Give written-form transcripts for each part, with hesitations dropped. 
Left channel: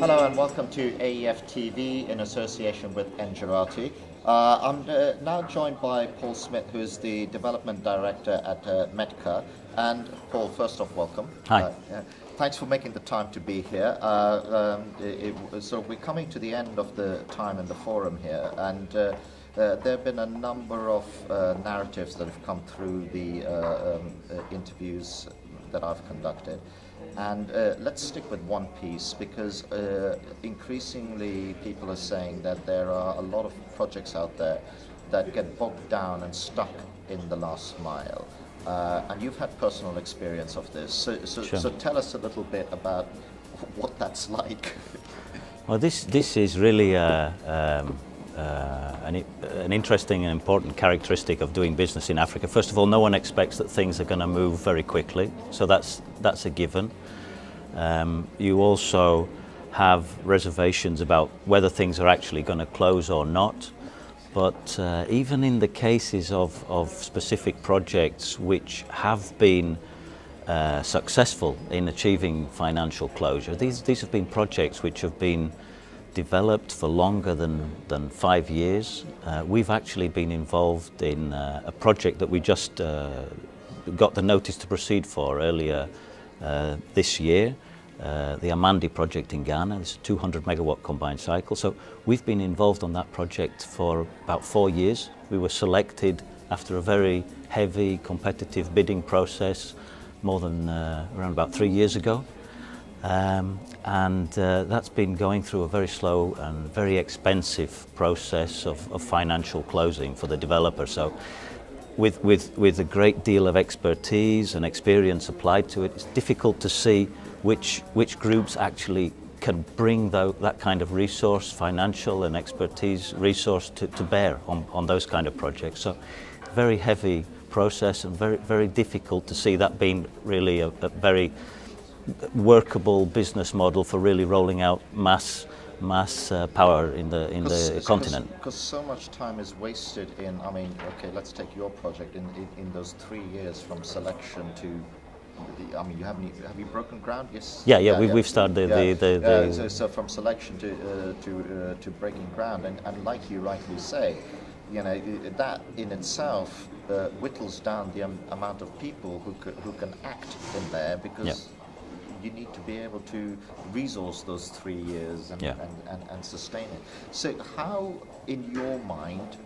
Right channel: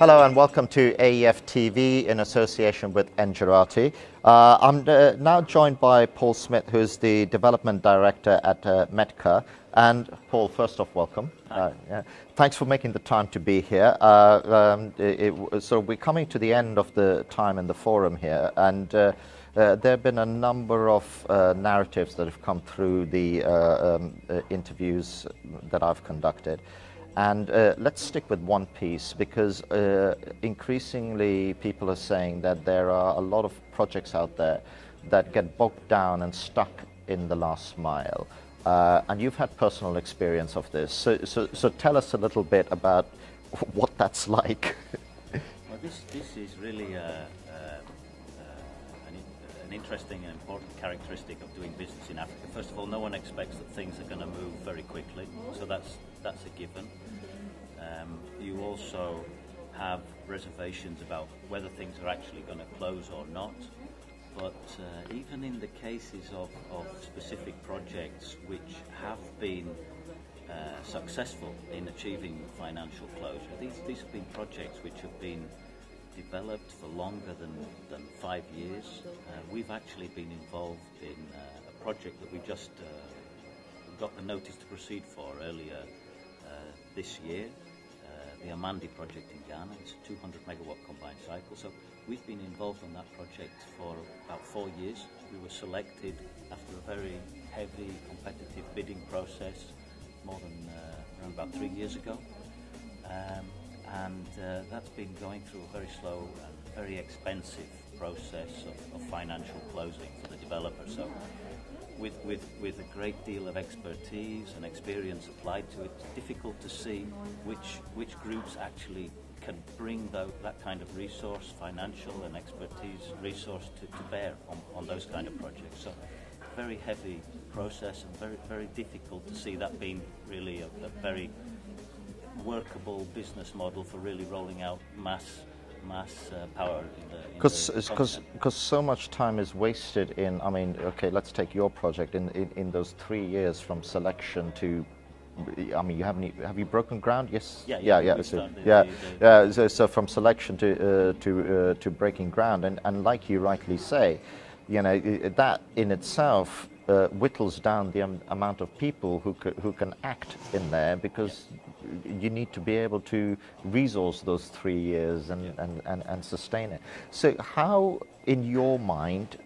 Hello and welcome to AEF TV in association with Engerati. I'm now joined by Paul Smith, who's the Development Director at Metka. And Paul, first off, welcome. Hi. Thanks for making the time to be here. So we're coming to the end of the time in the forum here, and there have been a number of narratives that have come through the interviews that I've conducted. And let's stick with one piece, because increasingly people are saying that there are a lot of projects out there that get bogged down and stuck in the last mile. And you've had personal experience of this. So tell us a little bit about what that's like. Well, this is really an interesting and important characteristic of doing business in Africa. First of all, no one expects that things are going to move very quickly, so that's a given. You also have reservations about whether things are actually going to close or not. But even in the cases of specific projects which have been successful in achieving financial closure, these have been projects which have been developed for longer than 5 years. We've actually been involved in a project that we just got the notice to proceed for earlier this year, the Amandi project in Ghana. It's a 200 megawatt combined cycle. So we've been involved on that project for about 4 years. We were selected after a very heavy competitive bidding process more than around about 3 years ago. That's been going through a very slow and very expensive process of financial closing for the developer. So with a great deal of expertise and experience applied to it, it's difficult to see which groups actually can bring that kind of resource, financial and expertise resource to bear on those kind of projects. So very heavy process and very difficult to see that being really a very workable business model for really rolling out mass power in the continent. Because so much time is wasted in, I mean, okay, let's take your project in those 3 years from selection to, I mean, have you broken ground? Yes. We've started so from selection to breaking ground, and like you rightly say, you know, that in itself whittles down the amount of people who can act in there, because you need to be able to resource those 3 years and sustain it. So how, in your mind,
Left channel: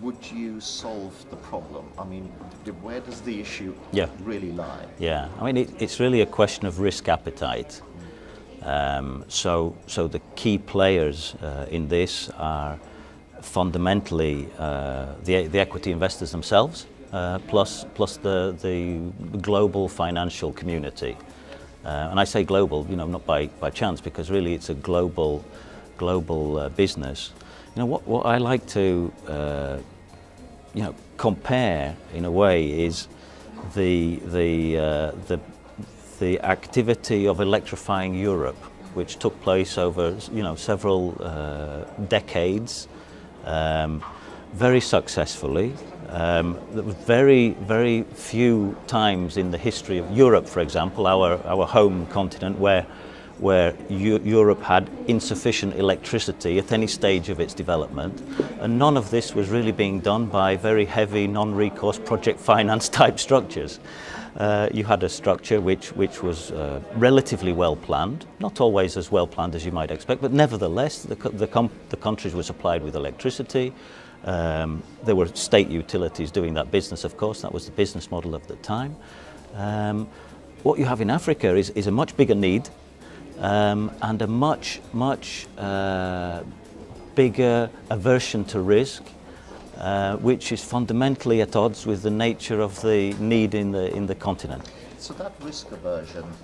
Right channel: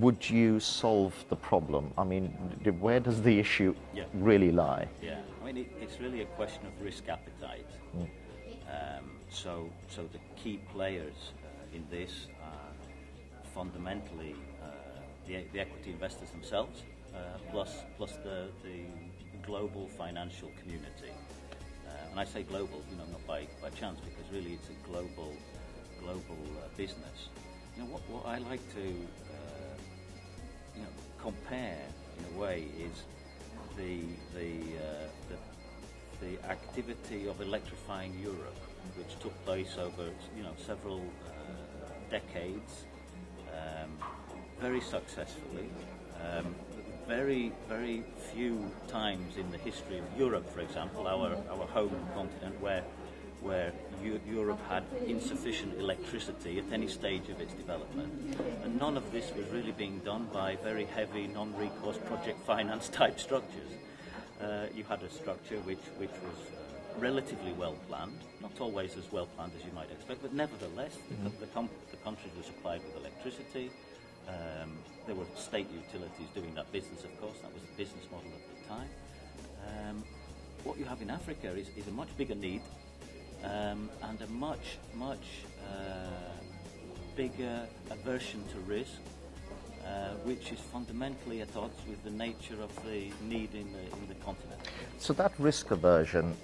would you solve the problem? I mean, where does the issue really lie? Yeah, I mean, it's really a question of risk appetite. So the key players in this are fundamentally the equity investors themselves, plus the global financial community. And I say global, you know, not by chance, because really it's a global business. You know, what I like to compare in a way is the activity of electrifying Europe, which took place over several decades, very successfly. There were very few times in the history of Europe, for example, our home continent, where Europe had insufficient electricity at any stage of its development, and none of this was really being done by very heavy non-recourse project finance type structures. You had a structure which was relatively well planned, not always as well planned as you might expect, but nevertheless the countries were supplied with electricity. There were state utilities doing that business, of course. That was the business model of the time. What you have in Africa is a much bigger need, and a much bigger aversion to risk, which is fundamentally at odds with the nature of the need in the continent. So that risk aversion,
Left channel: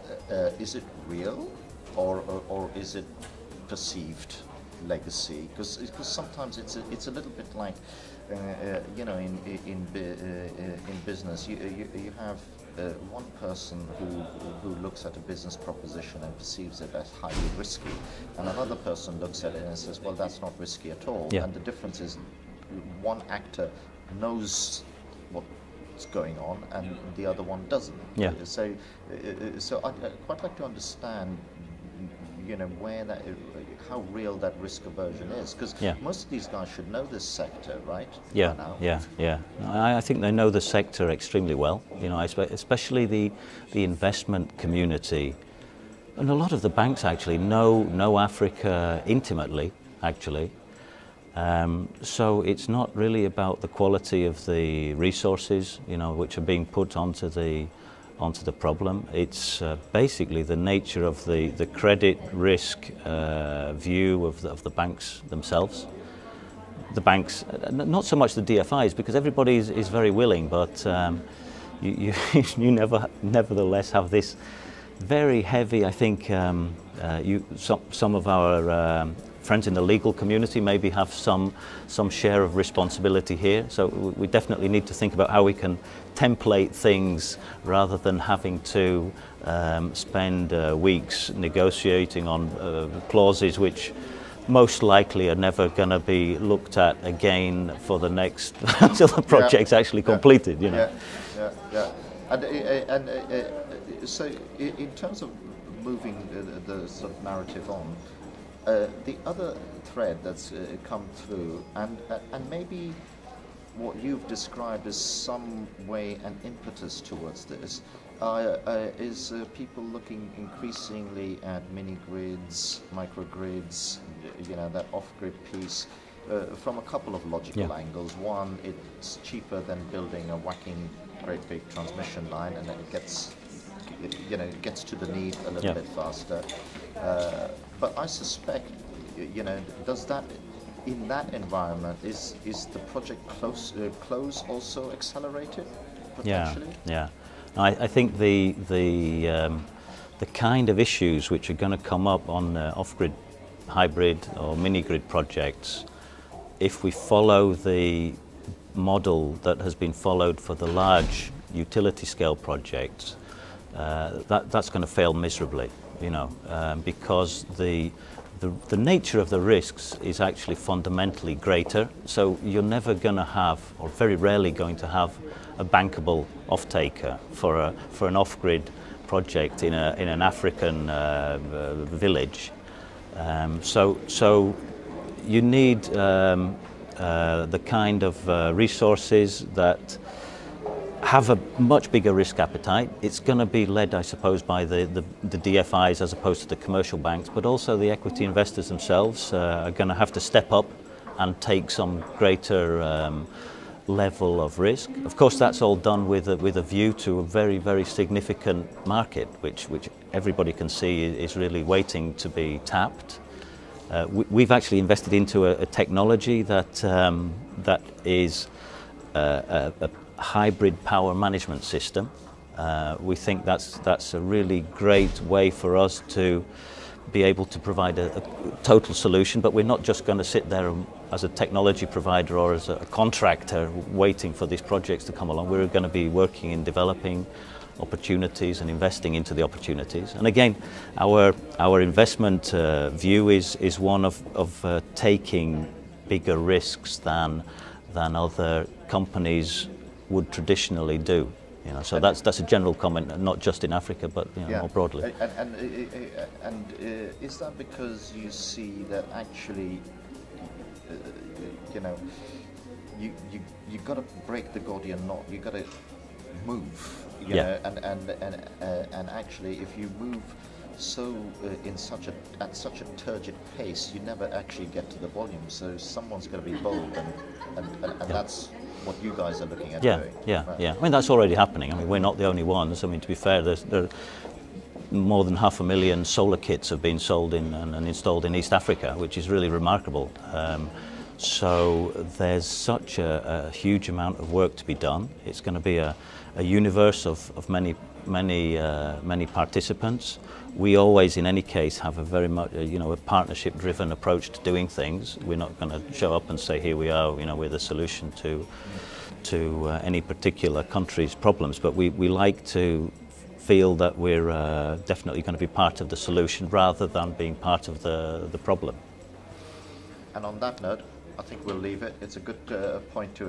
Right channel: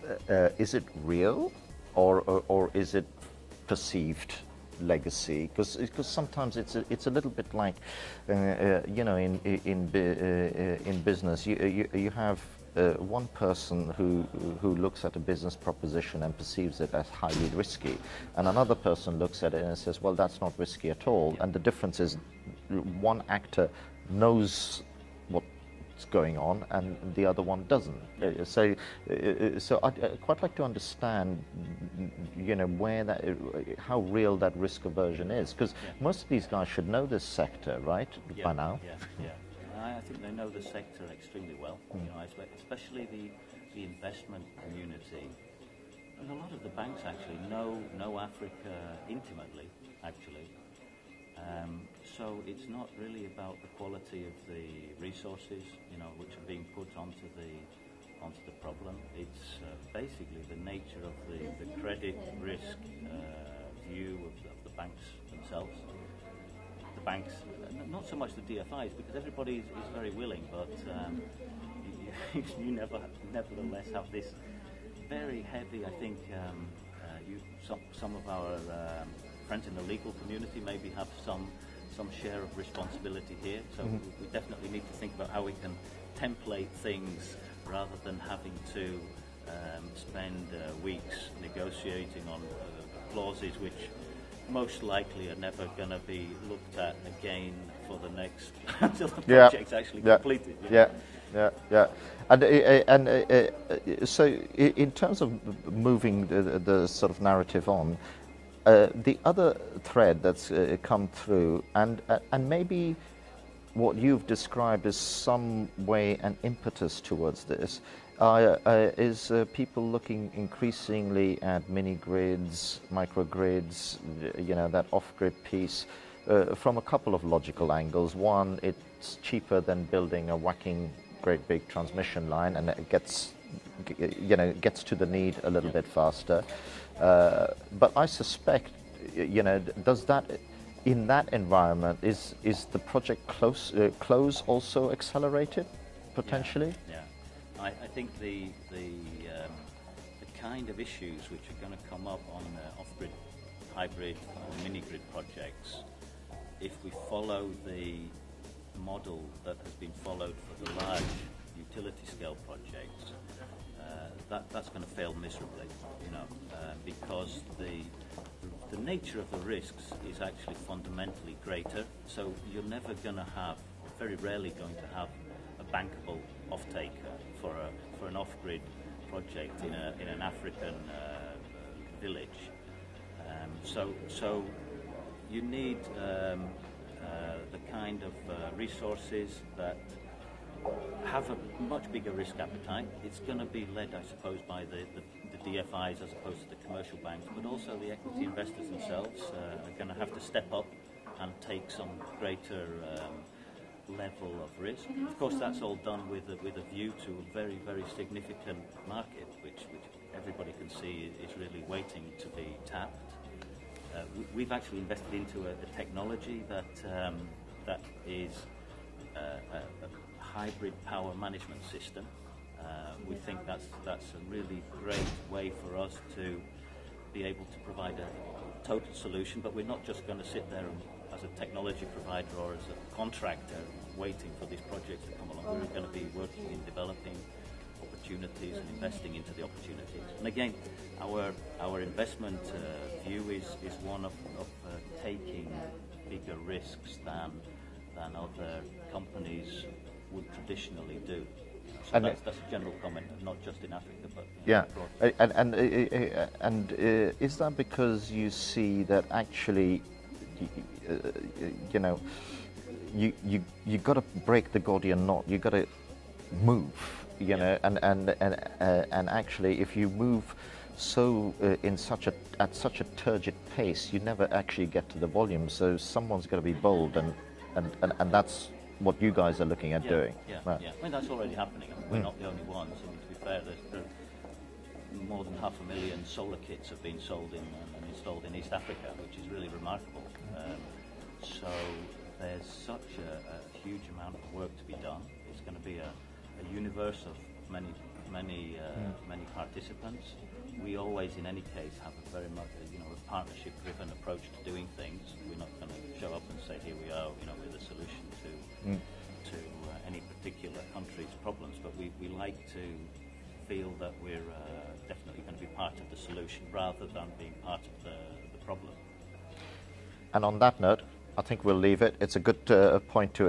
is it real, or is it perceived legacy? Because sometimes it's a little bit like you know, in business you have one person who looks at a business proposition and perceives it as highly risky, and another person looks at it and says, well, that's not risky at all. And the difference is one actor knows what's going on and the other one doesn't. So I'd quite like to understand you know, where that, how real that risk aversion is? Because most of these guys should know this sector, right? Yeah, by now. yeah. I think they know the sector extremely well. You know, especially the investment community, and a lot of the banks actually know Africa intimately, actually. So it's not really about the quality of the resources, you know, which are being put onto the problem. It's basically the nature of the credit risk view of the banks themselves. The banks, not so much the DFIs, because everybody is very willing, but you nevertheless have this very heavy, I think, some of our friends in the legal community maybe have some share of responsibility here. So we definitely need to think about how we can template things rather than having to spend weeks negotiating on clauses which most likely are never going to be looked at again for the next until the project's actually completed. You know? Yeah. And so in terms of moving the sort of narrative on, the other thread that's come through, and maybe what you've described as some way an impetus towards this, is people looking increasingly at mini-grids, microgrids, you know, that off-grid piece, from a couple of logical angles. One, it's cheaper than building a whacking great big transmission line, and it gets, you know, gets to the need a little bit faster. But I suspect, you know, does that, in that environment, is the project close also accelerated potentially? Yeah. I think the kind of issues which are going to come up on off-grid, hybrid or mini-grid projects, if we follow the model that has been followed for the large utility scale projects, that's going to fail miserably, you know, because the nature of the risks is actually fundamentally greater. So you're never going to have, or very rarely going to have, a bankable off-taker for an off-grid project in an African village. So you need the kind of resources that have a much bigger risk appetite. It's going to be led, I suppose, by the DFIs as opposed to the commercial banks, but also the equity investors themselves are going to have to step up and take some greater level of risk. Of course, that's all done with a view to a very, very significant market, which everybody can see is really waiting to be tapped. We've actually invested into a technology that is a hybrid power management system. We think that's a really great way for us to be able to provide a total solution, but we're not just going to sit there as a technology provider or as a contractor waiting for these projects to come along. We're going to be working in developing opportunities and investing into the opportunities. And again, our investment view is one of taking bigger risks than other companies would traditionally do. You know, so that's a general comment, not just in Africa, but you know, more broadly. And is that because you see that actually, you know, you got to break the Gordian knot. You got to move. You know, and actually, if you move so at such a turgid pace, you never actually get to the volume. So someone's got to be bold, and that's what you guys are looking at doing. Yeah. I mean, that's already happening. I mean, we're not the only ones. I mean, to be fair, there are more than 500,000 solar kits have been sold and installed in East Africa, which is really remarkable. So there's such a huge amount of work to be done. It's going to be a universe of many participants. We always, in any case, have a very much, you know, a partnership-driven approach to doing things. We're not going to show up and say, here we are, you know, we're the solution to any particular country's problems. But we like to feel that we're definitely going to be part of the solution rather than being part of the problem. And on that note, I think we'll leave it. It's a good point to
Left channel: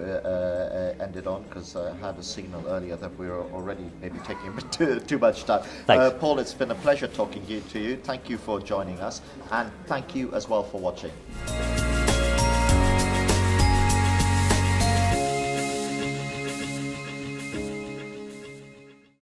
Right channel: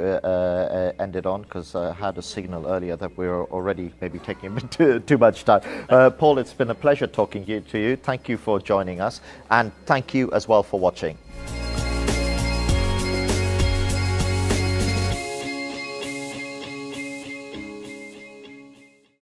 end it on, because I had a signal earlier that we were already maybe taking a bit too much time. Paul, it's been a pleasure talking to you. Thank you for joining us, and thank you as well for watching.